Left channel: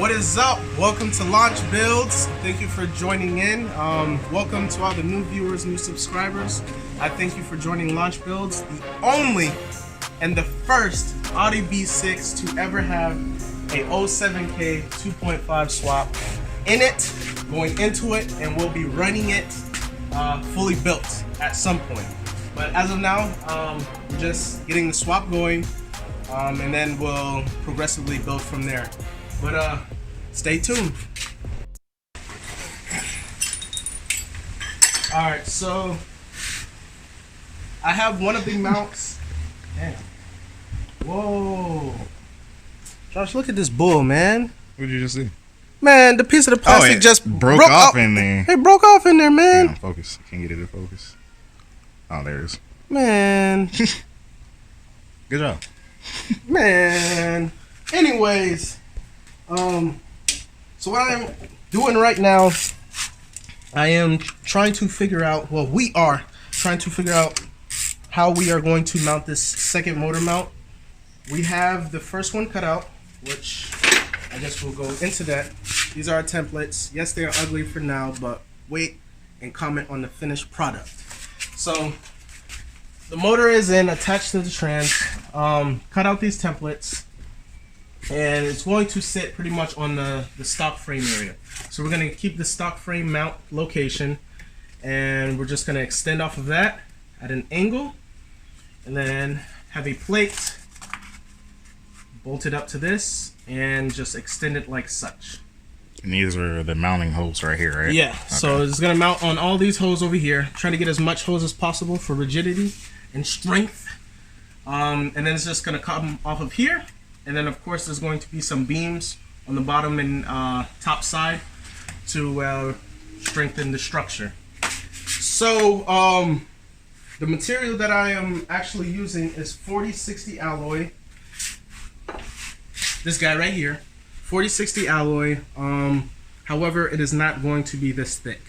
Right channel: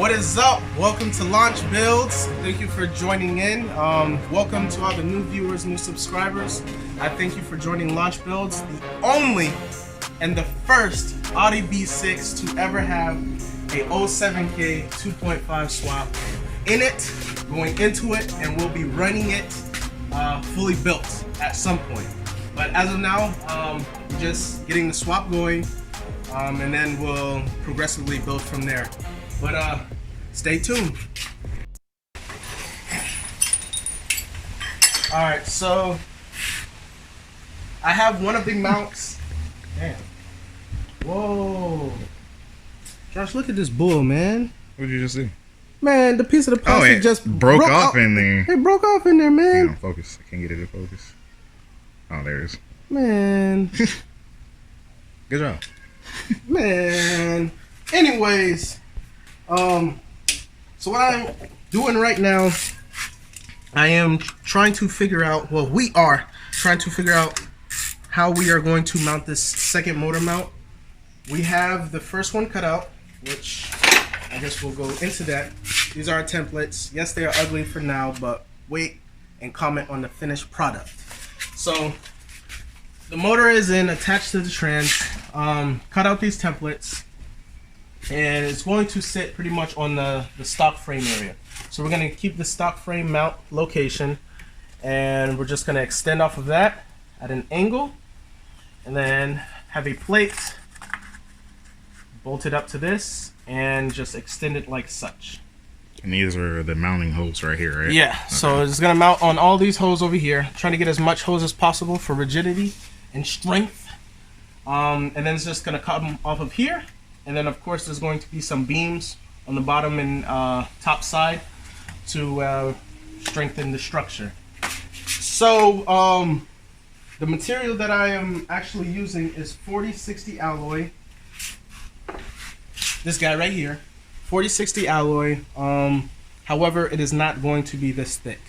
What is up? Welcome to Launch Builds. Thank you for joining in. Welcome to all the new viewers, new subscribers. I thank you for joining Launch Builds, the only and the first Audi B6 to ever have a 07K 2.5 swap in it, going into it, and we'll be running it fully built at some point. But as of now, we're just getting the swap going, and then we'll progressively build from there. But stay tuned. Alright, so I have one of the mounts. Damn. Whoa. Josh, look at this bull, man. What did you just see? Man, the piece of the plastic just broke off in there. It broke off in there, man. Yeah, focus. I can't get it to focus. Oh, there it is. Man. Good job. Man. Anyways, so what I'm doing right now, I am trying to figure out, well, we are trying to figure out how we are going to mount this second motor mount. We have the first one cut out, which I guess we'll go into that. These are our templates. Yes, they are ugly for now, but wait and comment on the finished product. So the motor is in, attached to the trans. Cut out these templates, and it's going to sit pretty much on the stock frame area. So we're going to keep the stock frame mount location, and we're just going to extend off of that at an angle, and then have a plate bolted up to this and just extend it like such. And these are the mounting holes right here, right? Yeah, okay. So it's going to mount on all these holes over here. Trying to get as much hose as possible for rigidity and strength. And then it's just going to come off of here. And then, of course, there's going to be some beams on the bottom and top side to strengthen the structure. So the material that I am actually using is 4060 alloy. This guy right here, 4060 alloy. However, it is not going to be this thick.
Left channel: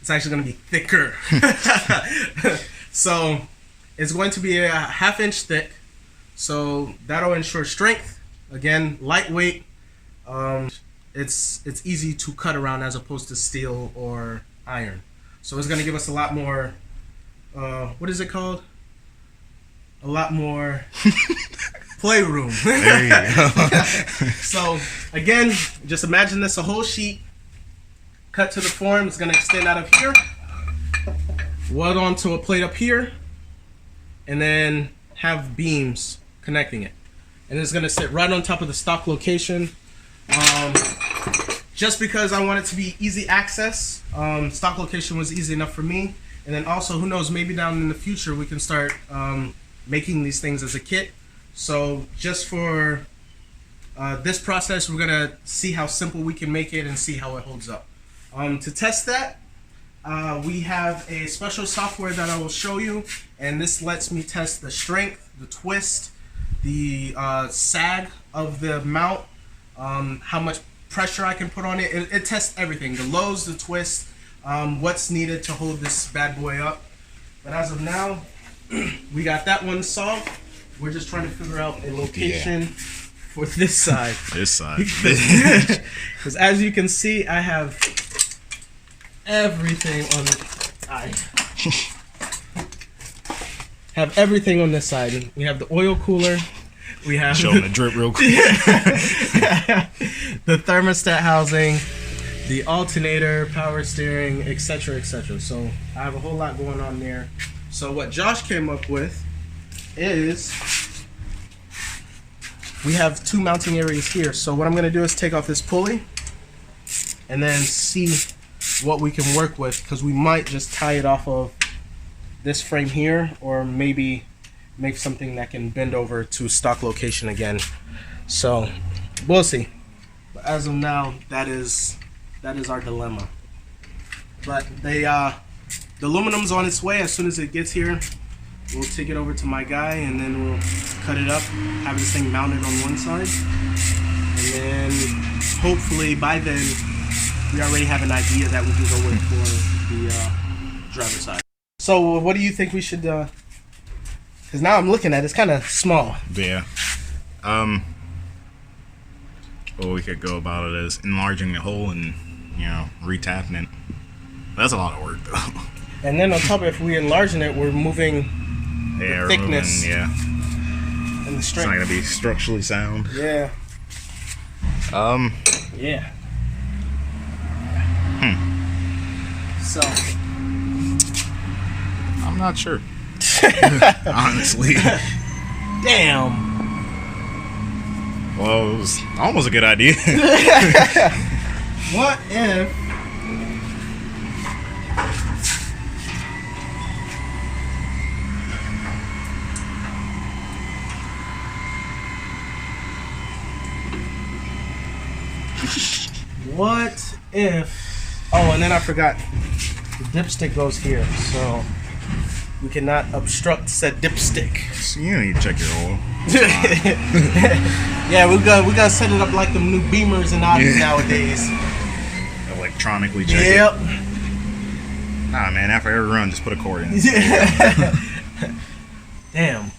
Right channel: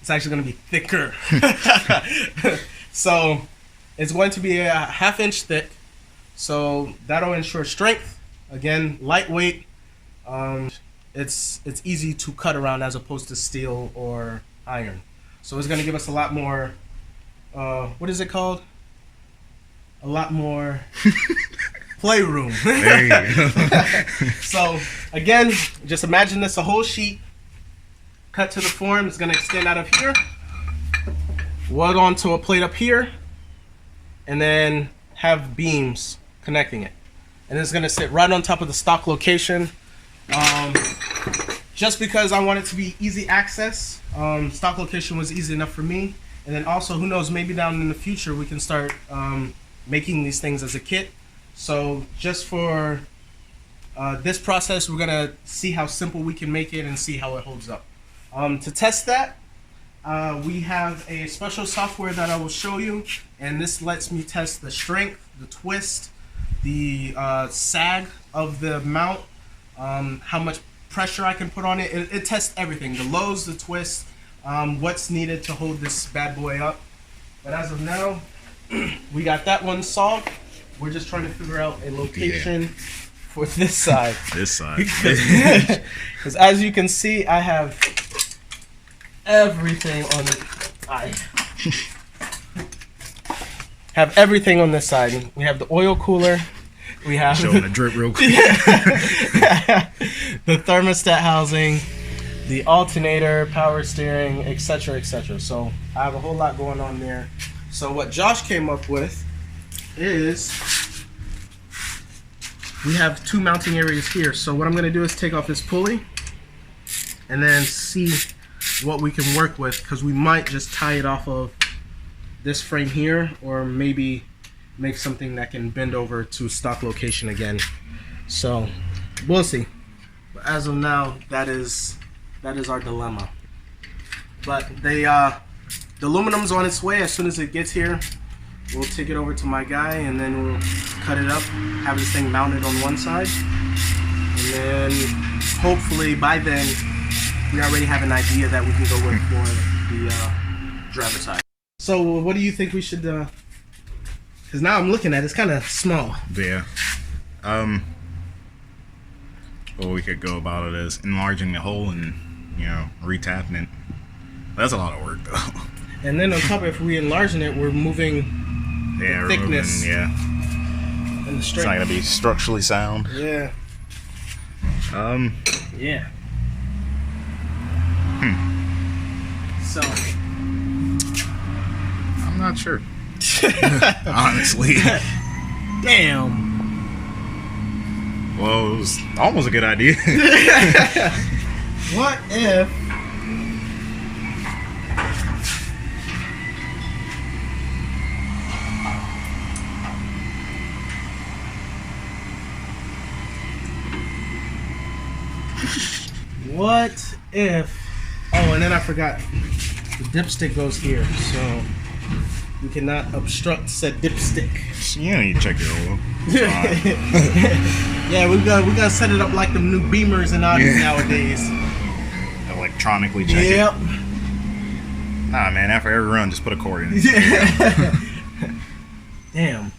It's actually going to be thicker. So it's going to be a 1/2 inch thick. So that'll ensure strength. Again, lightweight. It's easy to cut around as opposed to steel or iron. So it's going to give us a lot more. What is it called? A lot more playroom. There you go. So again, just imagine this a whole sheet cut to the form. It's going to extend out of here, weld onto a plate up here, and then have beams connecting it. And it's going to sit right on top of the stock location. Just because I want it to be easy access. Stock location was easy enough for me. And then also, who knows, maybe down in the future we can start making these things as a kit. So just for this process, we're gonna see how simple we can make it and see how it holds up. To test that, we have a special software that I will show you, and this lets me test the strength, the twist, the sag of the mount, how much pressure I can put on it. It tests everything, the lows, the twists, what's needed to hold this bad boy up. But as of now, we got that one solved. We're just trying to figure out a location for this side. This side. Because as you can see, I have everything on have everything on this side. We have the oil cooler. We have show them the drip real quick. The thermostat housing, the alternator, power steering, etc., etc. So I have a whole lot going on there. So what Josh came up with is we have two mounting areas here. So what I'm going to do is take off this pulley and then see what we can work with, because we might just tie it off of this frame here, or maybe make something that can bend over to stock location again. So we'll see. But as of now, that is our dilemma. But the aluminum's on its way. As soon as it gets here, we'll take it over to my guy, and then we'll cut it up, have this thing mounted on one side, and then hopefully by then we already have an idea that we can go with for the driver side. So what do you think we should, because now I'm looking at it, it's kind of small. Yeah. Or we could go about it as enlarging the hole and, you know, retapping it. That's a lot of work, though. And then on top of it, if we enlarging it, we're moving Yeah, the thickness. moving, yeah. And the It's strength. not gonna be structurally sound. Yeah. Yeah. So. I'm not sure. Honestly. Damn. Well, it was almost a good idea. What if? What if? Oh, and then I forgot. The dipstick goes here, so you cannot obstruct said dipstick. So you don't need to check your oil. It's fine. Yeah, we gotta set it up like them new Beamers and Audis nowadays. Electronically check it. Yep. Nah, man, after every run, just put a cord in it. Damn.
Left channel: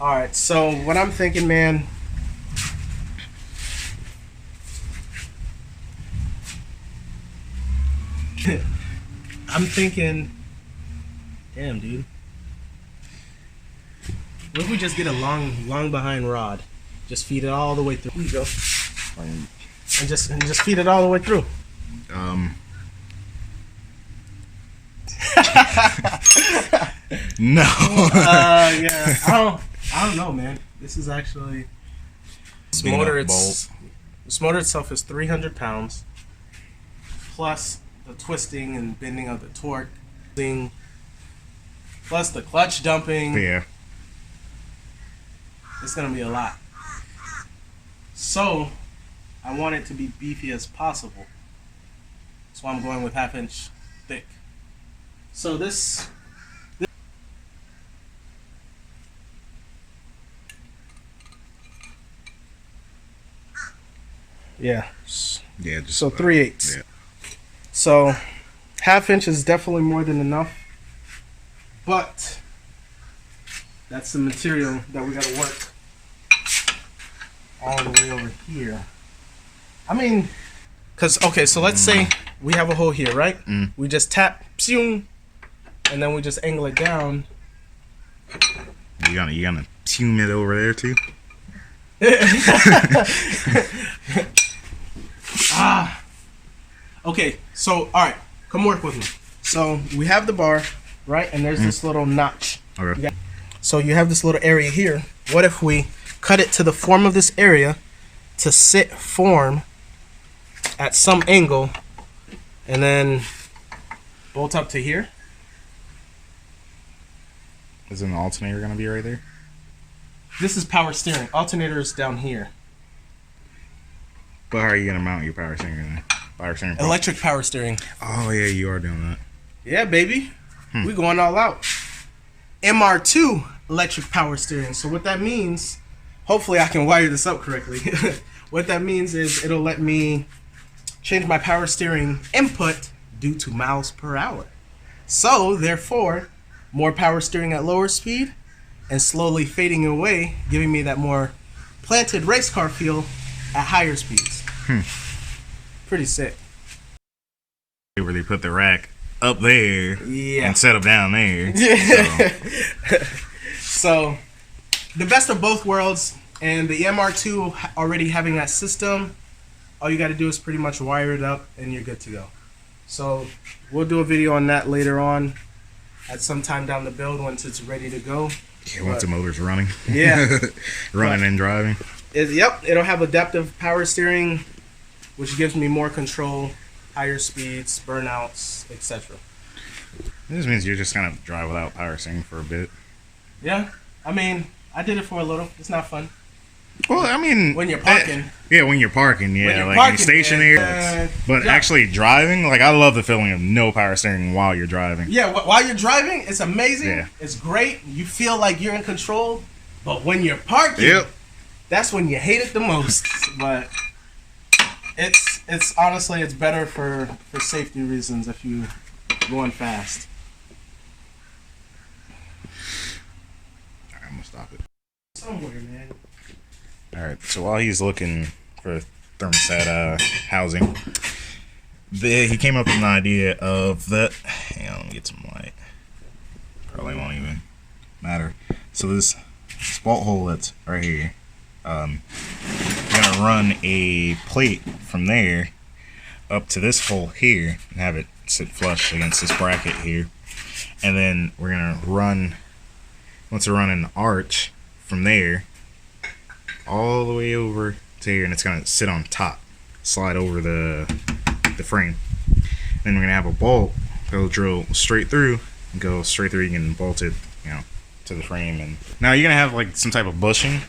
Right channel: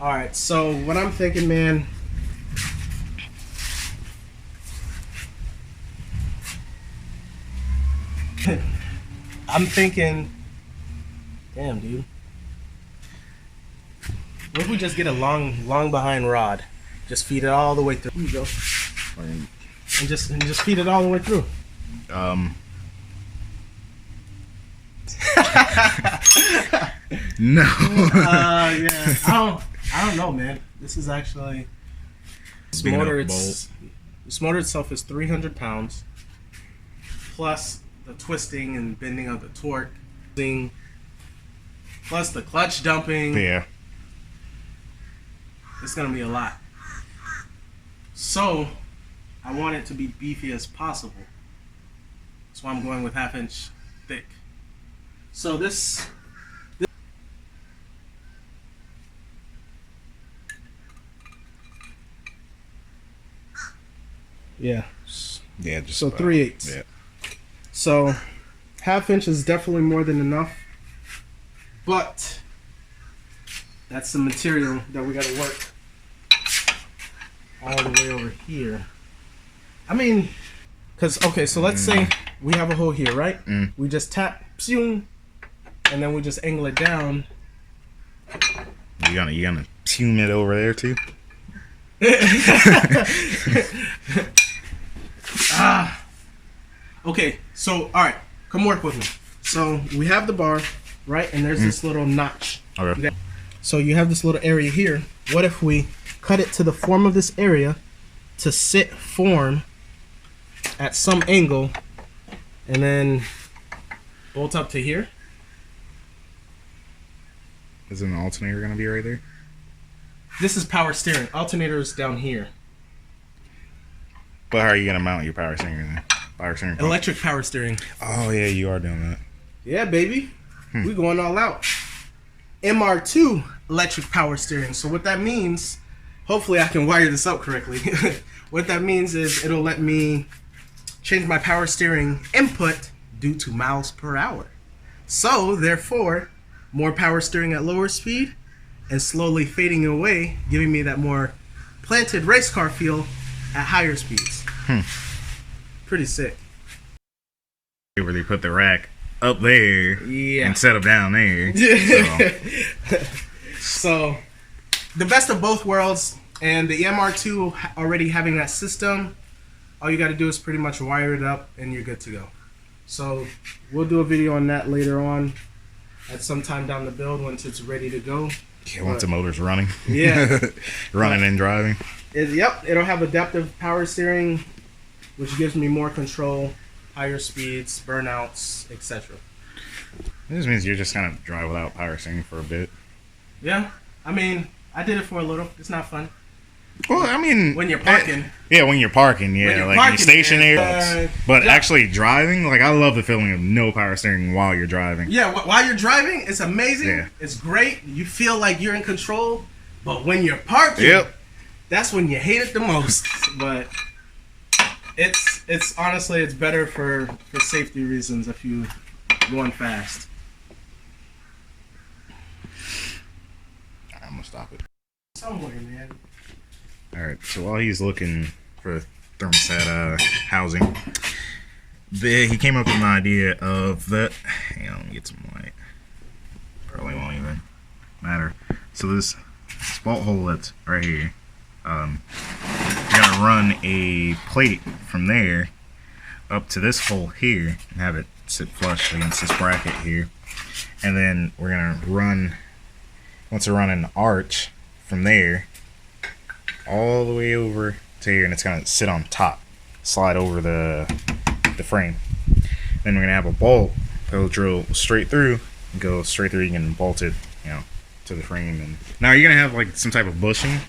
Alright, so what I'm thinking, man. I'm thinking. Damn, dude. What if we just get a long behind rod? Just feed it all the way through. Here you go. And just feed it all the way through. No. Yeah. I don't know, man. This is actually this motor itself is 300 pounds plus the twisting and bending of the torque thing plus the clutch dumping. Yeah. It's gonna be a lot. So I want it to be beefy as possible. That's why I'm going with 1/2 inch thick. So this yeah. Yeah, just So 3/8. Yeah. So 1/2 inch is definitely more than enough. But that's the material that we gotta work all the way over here. I mean, okay, so let's say we have a hole here, right? We just tap, psung, and then we just angle it down. You gonna tune it over there too? Okay, so alright, come work with me. So we have the bar, right? And there's this little notch. Okay. So you have this little area here. What if we cut it to the form of this area to form at some angle and then bolt up to here? Isn't the alternator gonna be right there? This is power steering. Alternator is down here. But how are you gonna mount your power steering there? Power steering pump? Electric power steering. Oh yeah, you are doing that. Yeah, baby. We going all out. MR2 electric power steering. So what that means, hopefully I can wire this up correctly. What that means is it'll let me change my power steering input due to miles per hour. So therefore, more power steering at lower speed and slowly fading away, giving me that more planted race car feel at higher speeds. Pretty sick. Where they put the rack up there Yeah. and set them down there. So. So, the best of both worlds, and the MR2 already having that system, all you got to do is pretty much wire it up and you're good to go. So, we'll do a video on that later on at some time down the build once it's ready to go. Yeah, once the motor's running. Yeah. Running and driving. Yep, it'll have adaptive power steering, which gives me more control, higher speeds, burnouts, etc. This means you're just gonna drive without power steering for a bit. Yeah, I mean, I did it for a little. It's not fun. Well, I mean, When you're parking. Yeah, when you're parking, yeah, When you're like parking, you're stationary. man. But Yeah. actually driving, like I love the feeling of no power steering while you're driving. Yeah, while you're driving, it's amazing. Yeah. It's great. You feel like you're in control. But when you're parking, Yep. that's when you hate it the most. But it's honestly, it's better for safety reasons if you going fast. Alright, I'm gonna stop it. Somewhere, man. Alright, so while he's looking for thermostat housing. He came up with an idea of that. Hang on, let me get some light. Probably won't even matter. So this bolt hole that's right here, you're gonna run a plate from there up to this hole here and have it sit flush against this bracket here, and then we're gonna run an arch from there all the way over to here, and it's gonna sit on top, slide over the frame. Then we're gonna have a bolt that'll drill straight through and go straight through. You can bolt it, to the frame. And now you're gonna have like some type of bushing.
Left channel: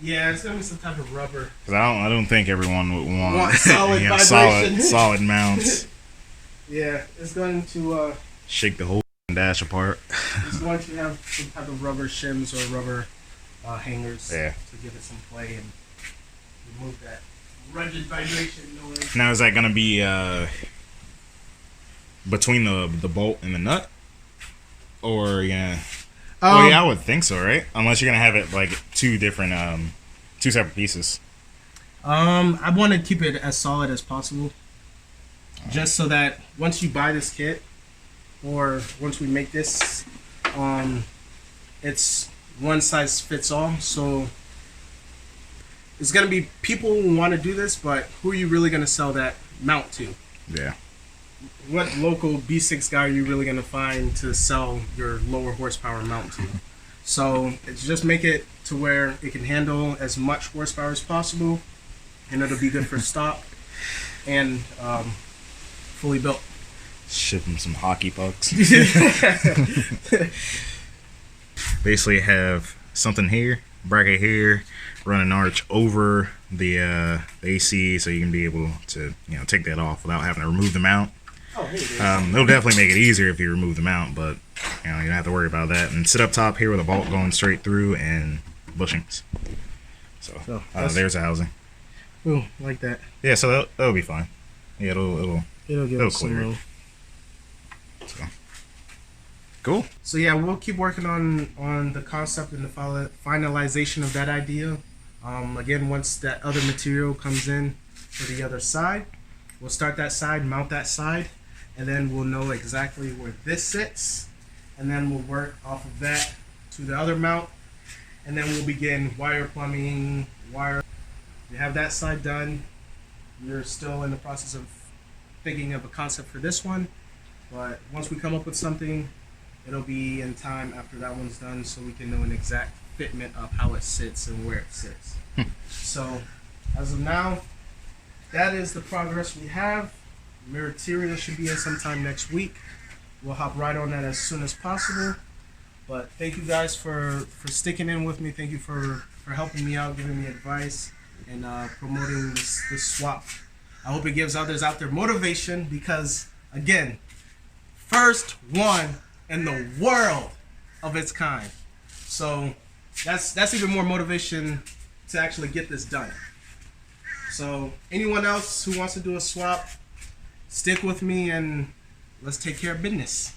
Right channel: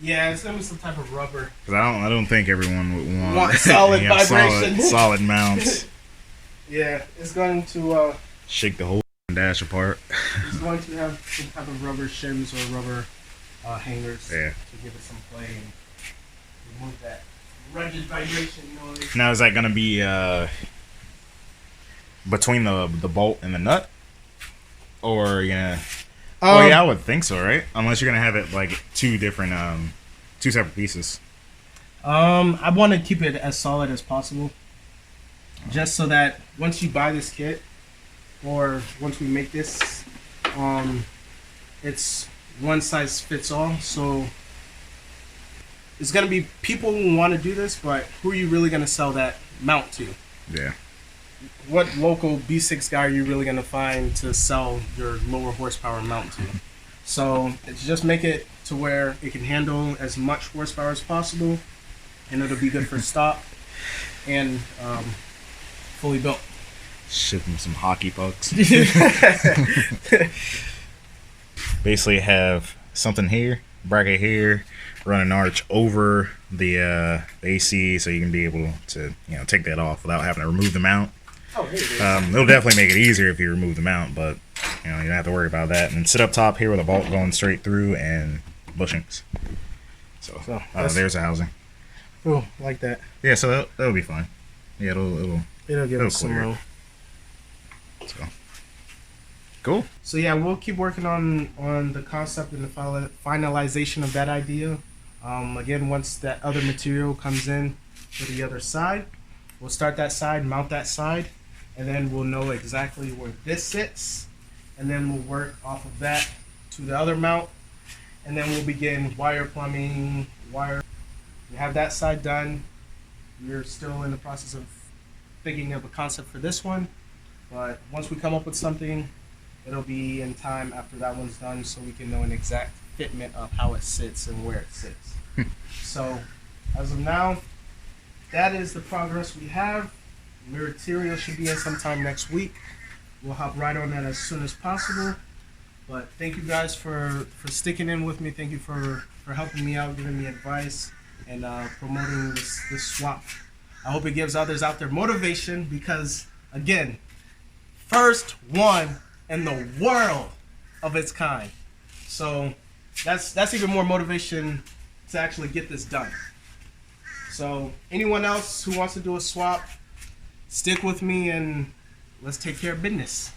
Yeah, it's gonna be some type of rubber. Cause I don't think everyone would want solid vibration. solid mounts. Yeah, it's going to shake the whole dash apart. It's going to have some type of rubber shims or rubber hangers to give it some play and remove that rugged vibration noise. Now is that gonna be between the bolt and the nut, or yeah? Oh yeah, I would think so, right? Unless you're gonna have it like two separate pieces. I want to keep it as solid as possible, just so that once you buy this kit, or once we make this, it's one size fits all. So it's gonna be people who want to do this, but who are you really gonna sell that mount to? Yeah. What local B6 guy are you really gonna find to sell your lower horsepower mount to? So it's just make it to where it can handle as much horsepower as possible, and it'll be good for stock and fully built. Ship them some hockey pucks. Basically have something here, bracket here, run an arch over the AC, so you can be able to take that off without having to remove the mount. Oh, here it is. It'll definitely make it easier if you remove the mount, but you don't have to worry about that. And sit up top here with a bolt going straight through and bushings. So there's the housing. Oh, like that. Yeah, so that'll be fine. Yeah, it'll give us clear some it. So cool. So yeah, we'll keep working on the concept and the finalization of that idea. Again, once that other material comes in for the other side, we'll start that side, mount that side, and then we'll know exactly where this sits, and then we'll work off of that to the other mount, and then we'll begin wire plumbing, We have that side done. We're still in the process of thinking of a concept for this one, but once we come up with something, it'll be in time after that one's done, so we can know an exact fitment of how it sits and where it sits. So as of now, that is the progress we have. Material should be in sometime next week. We'll hop right on that as soon as possible. But thank you guys for sticking in with me. Thank you for helping me out, giving me advice, and promoting this swap. I hope it gives others out there motivation, because again, first one in the world of its kind. So that's even more motivation to actually get this done. So anyone else who wants to do a swap, stick with me and let's take care of business.